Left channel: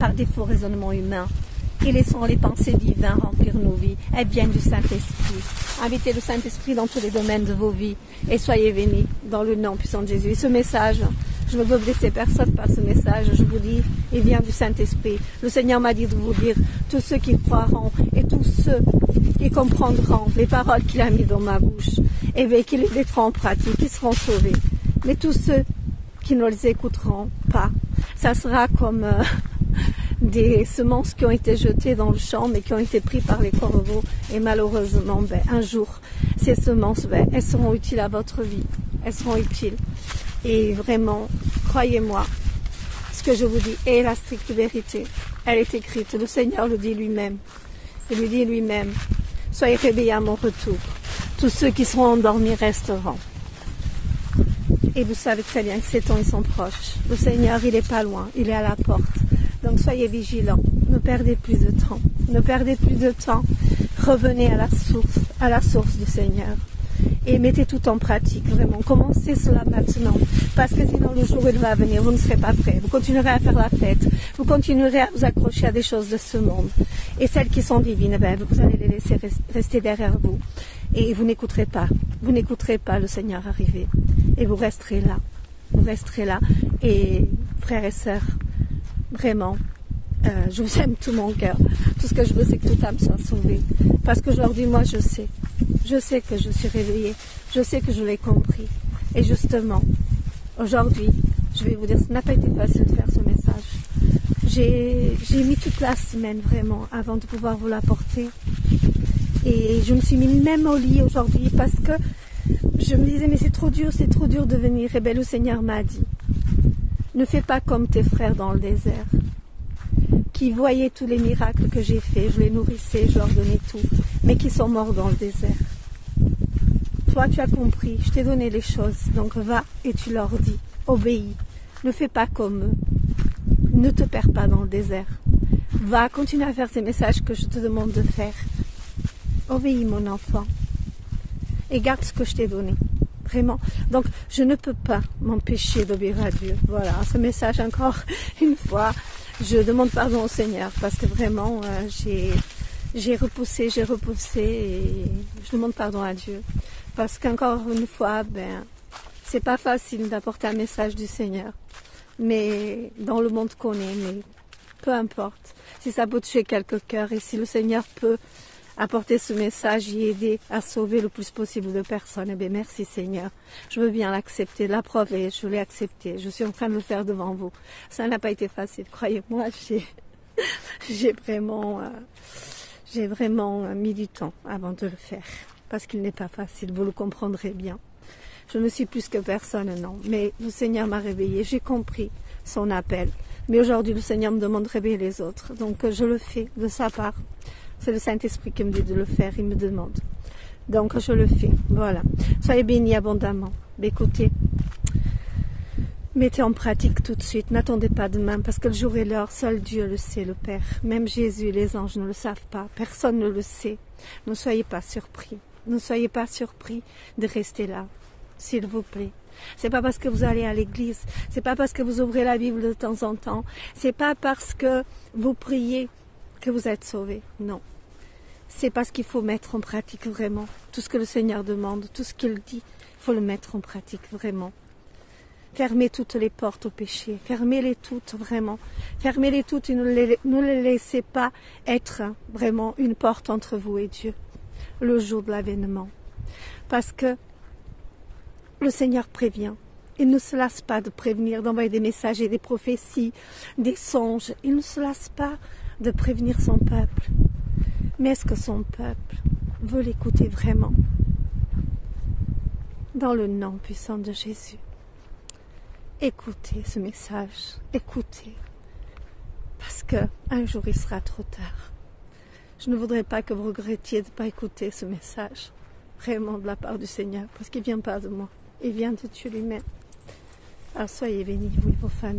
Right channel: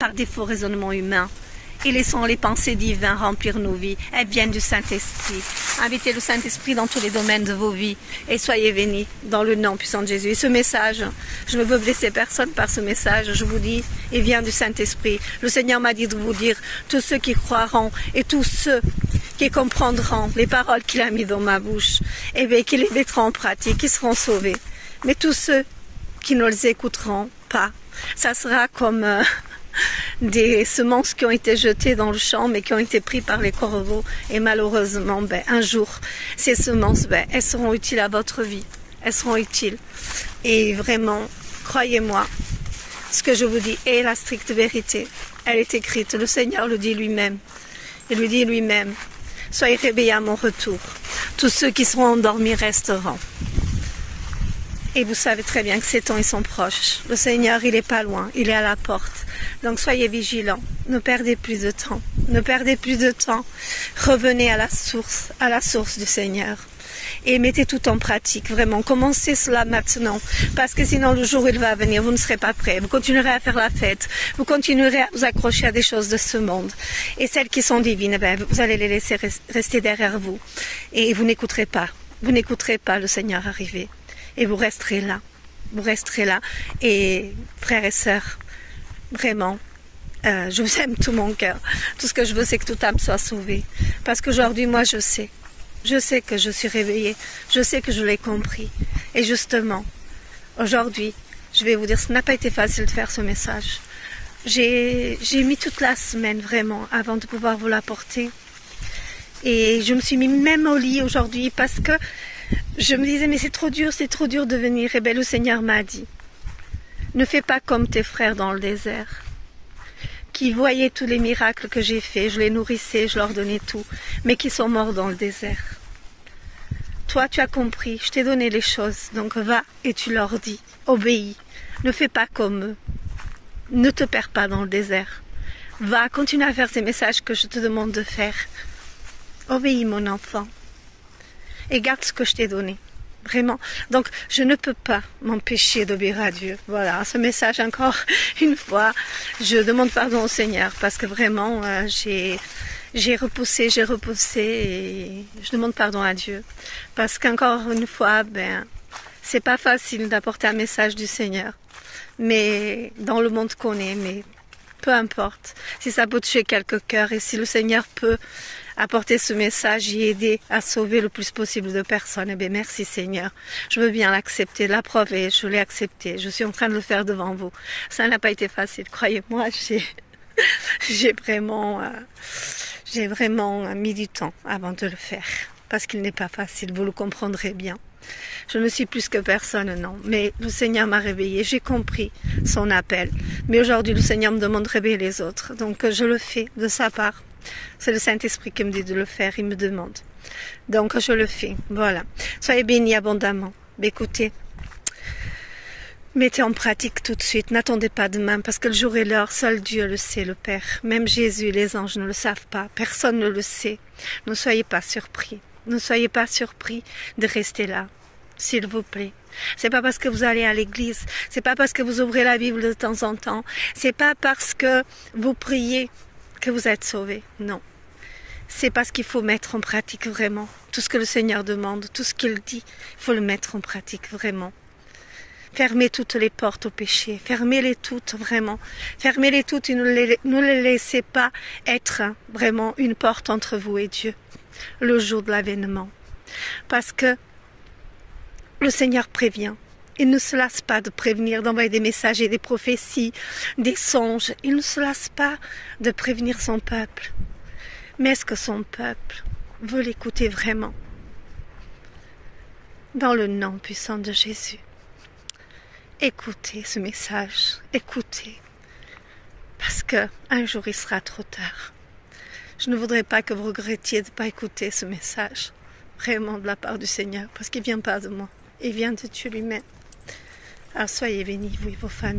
par des faux raisonnements humains et laissons les pensées divines remplir nos vies. Elles viennent du Saint-Esprit. Invitez le Saint-Esprit dans tous les domaines de vos vies et soyez bénis dans le nom puissant de Jésus. Et ce message, je ne veux blesser personne par ce message, je vous dis, il vient du Saint-Esprit. Le Seigneur m'a dit de vous dire, tous ceux qui croiront et tous ceux qui comprendront les paroles qu'il a mis dans ma bouche, et bien qu'ils les mettront en pratique, ils seront sauvés. Mais tous ceux qui ne les écouteront pas, ça sera comme des semences qui ont été jetées dans le champ mais qui ont été prises par les corbeaux et malheureusement un jour ces semences elles seront utiles à votre vie, elles seront utiles et vraiment croyez-moi, ce que je vous dis est la stricte vérité, elle est écrite, le Seigneur le dit lui-même, il lui dit lui-même, soyez réveillés à mon retour, tous ceux qui seront endormis resteront. Et vous savez très bien que ces temps ils sont proches. Le Seigneur, il n'est pas loin, il est à la porte. Donc soyez vigilants, ne perdez plus de temps. Ne perdez plus de temps. Revenez à la source du Seigneur. Et mettez tout en pratique, vraiment. Commencez cela maintenant. Parce que sinon, le jour où il va venir, vous ne serez pas prêts. Vous continuerez à faire la fête. Vous continuerez à vous accrocher à des choses de ce monde. Et celles qui sont divines, vous allez les laisser rester derrière vous. Et vous n'écouterez pas. Vous n'écouterez pas le Seigneur arriver. Et vous resterez là. Vous resterez là. Et frères et sœurs, vraiment, je vous aime tout mon cœur. Tout ce que je veux, c'est que toute âme soit sauvée. Parce qu'aujourd'hui, moi, je sais que je suis réveillée. Je sais que je l'ai compris. Et justement, aujourd'hui, je vais vous dire, ça n'a pas été facile de faire ce message. J'ai mis toute la semaine, vraiment, avant de pouvoir vous l'apporter. Et je me suis mis même au lit aujourd'hui parce que je me disais, mais c'est trop dur de venir. Et bien, le Seigneur m'a dit, ne fais pas comme tes frères dans le désert, qui voyaient tous les miracles que j'ai faits, je les nourrissais, je leur donnais tout, mais qui sont morts dans le désert. Toi, tu as compris, je t'ai donné les choses, donc va et tu leur dis, obéis, ne fais pas comme eux, ne te perds pas dans le désert, va, continue à faire ces messages que je te demande de faire, obéis mon enfant, et garde ce que je t'ai donné. Vraiment. Donc, je ne peux pas m'empêcher d'obéir à Dieu. Voilà, ce message encore une fois. Je demande pardon au Seigneur parce que vraiment, j'ai repoussé et je demande pardon à Dieu. Parce qu'encore une fois, c'est pas facile d'apporter un message du Seigneur. Mais dans le monde qu'on est, mais peu importe. Si ça peut toucher quelques cœurs et si le Seigneur peut apporter ce message et aider à sauver le plus possible de personnes, eh bien merci Seigneur. Je veux bien l'accepter, l'approuver, je l'ai accepté. Je suis en train de le faire devant vous. Ça n'a pas été facile, croyez-moi, j'ai vraiment mis du temps avant de le faire. Parce qu'il n'est pas facile, vous le comprendrez bien. Je ne suis plus que personne, non. Mais le Seigneur m'a réveillée, j'ai compris son appel. Mais aujourd'hui, le Seigneur me demande de réveiller les autres. Donc je le fais de sa part. C'est le Saint-Esprit qui me dit de le faire, il me demande. Donc je le fais, voilà. Soyez bénis abondamment. Écoutez, mettez en pratique tout de suite, n'attendez pas demain, parce que le jour et l'heure, seul Dieu le sait, le Père. Même Jésus et les anges ne le savent pas, personne ne le sait. Ne soyez pas surpris, ne soyez pas surpris de rester là, s'il vous plaît. C'est pas parce que vous allez à l'église, c'est pas parce que vous ouvrez la Bible de temps en temps, c'est pas parce que vous priez que vous êtes sauvés, non. C'est parce qu'il faut mettre en pratique vraiment tout ce que le Seigneur demande, tout ce qu'il dit, il faut le mettre en pratique vraiment. Fermez toutes les portes au péché, fermez-les toutes vraiment, fermez-les toutes et ne les laissez pas être vraiment une porte entre vous et Dieu, le jour de l'avènement. Parce que le Seigneur prévient. Il ne se lasse pas de prévenir, d'envoyer des messages et des prophéties, des songes. Il ne se lasse pas de prévenir son peuple. Mais est-ce que son peuple veut l'écouter vraiment? Dans le nom puissant de Jésus, écoutez ce message, écoutez. Parce qu'un jour il sera trop tard. Je ne voudrais pas que vous regrettiez de ne pas écouter ce message, vraiment de la part du Seigneur, parce qu'il ne vient pas de moi, il vient de Dieu lui-même. Alors soyez bénis, vous et vos familles.